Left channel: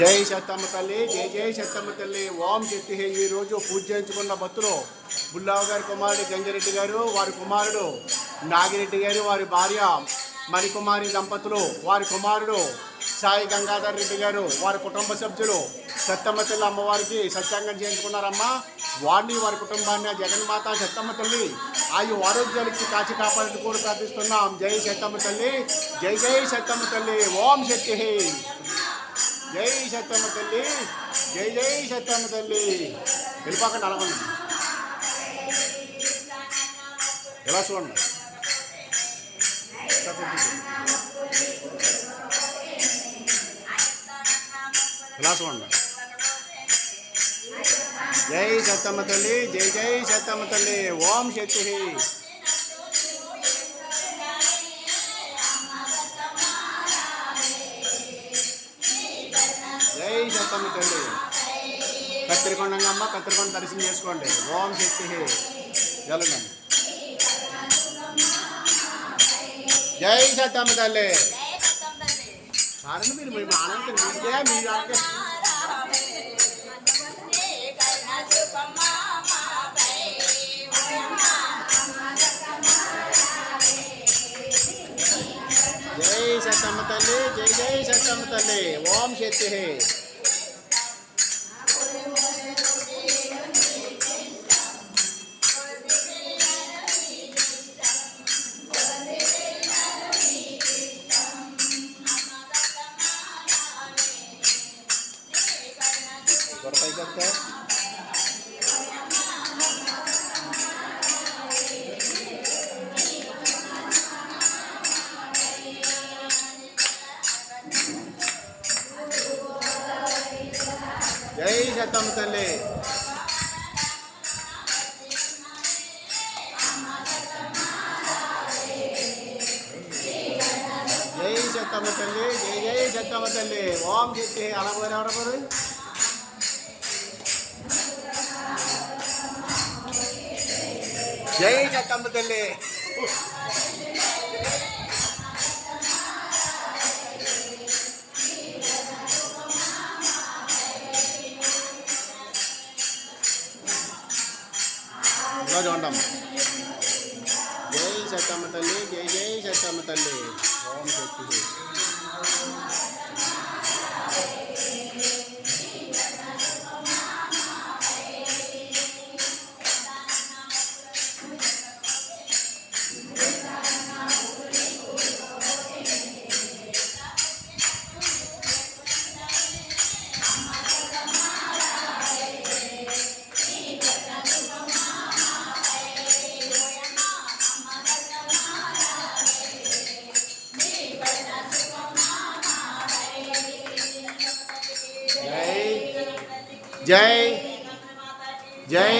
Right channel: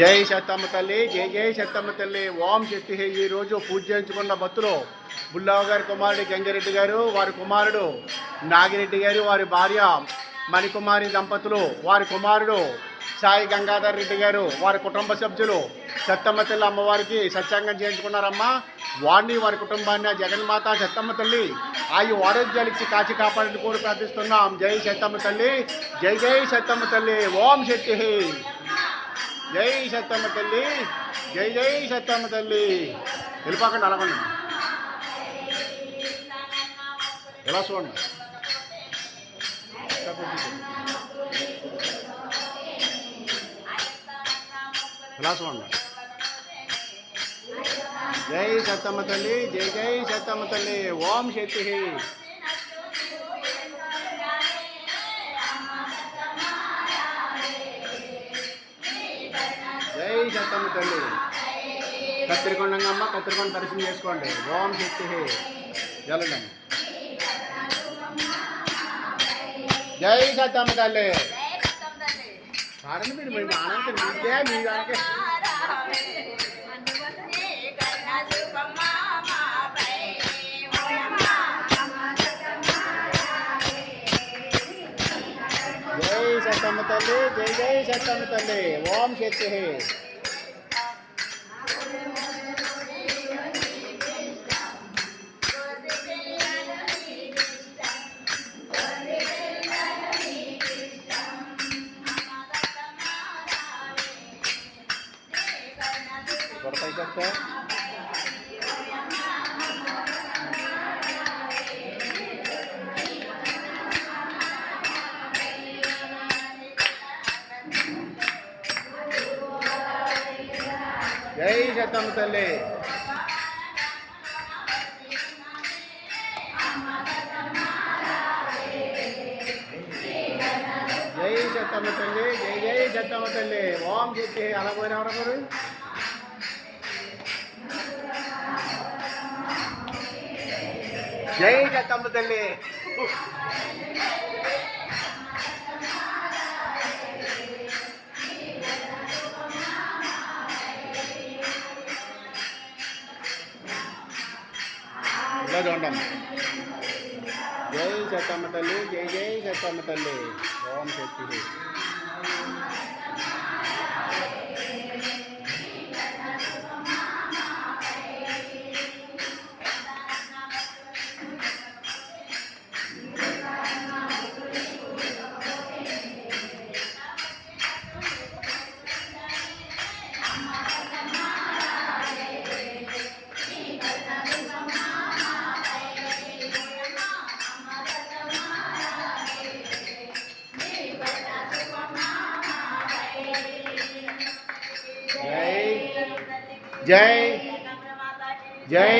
జై సత్తమ్మ తల్లి జై జై సత్తమ్మ తల్లి. ఓం శక్తి ఈరోజు ఈ రోజు పూజ చేయించుకున్న భక్తులు బుల్లావు గారి కుమారుడు గంగిరెడ్డి గారు వారి కుమారుడు నాగిరెడ్డి గారు వారి భార్య మణికుమారి దంపతులు వారి కుమారుడు సాయి గంగాధర్ రెడ్డి గారు వారి కుటుంబ సభ్యులు సత్తమ్మ తల్లి అమ్మవారికి సత్యాంగం చేయించుకున్నారమ్మా. వారిని వారి కుటుంబాన్ని జగన్మాత సత్తమ్మ తల్లి ఆయు ఆరోగ్యాలకి కాచి కాపాడని కూడా ప్రార్థిస్తున్నాం. జై సత్తమ్మ తల్లి జై జై సత్తమ్మ తల్లి. ఓం శక్తి జై సత్తమ్మ తల్లి. జై జై సత్తమ్మ తల్లి. వెళ్ళిపోకండి అలాగండి. ఎలా చూడండి? చూడండి. ఎలా చూడండి? జై సత్తమ్మ తల్లి జై జై సత్తమ్మ తల్లి. ఓం శక్తి జై సత్తమ్మ తల్లి. కత్తిరికొండంగమ్మ కత్తిరికొండ దర్శనం చేసుకోండి. ఓం శక్తి జలండి జై సత్తమ్మ తల్లి. పాడండి మీరు మేము ఆనందం మీకే మీ దానికే. జై సత్తమ్మ తల్లి జై జై సత్తమ్మ తల్లి. ఓం శక్తి దొరకాయి జై శతమ తల్లి. జై శతమ తల్లి జై జై శతమ తల్లి. ఓం శక్తి. అలా పోయారు ఎవరెవరు జై సత్తమ్మ తల్లి ఇలా చూడమ్మా జై సత్తమ్మ తల్లి జై జై సత్తమ్మ తల్లి ఓం శక్తి జై జై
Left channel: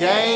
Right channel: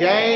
జై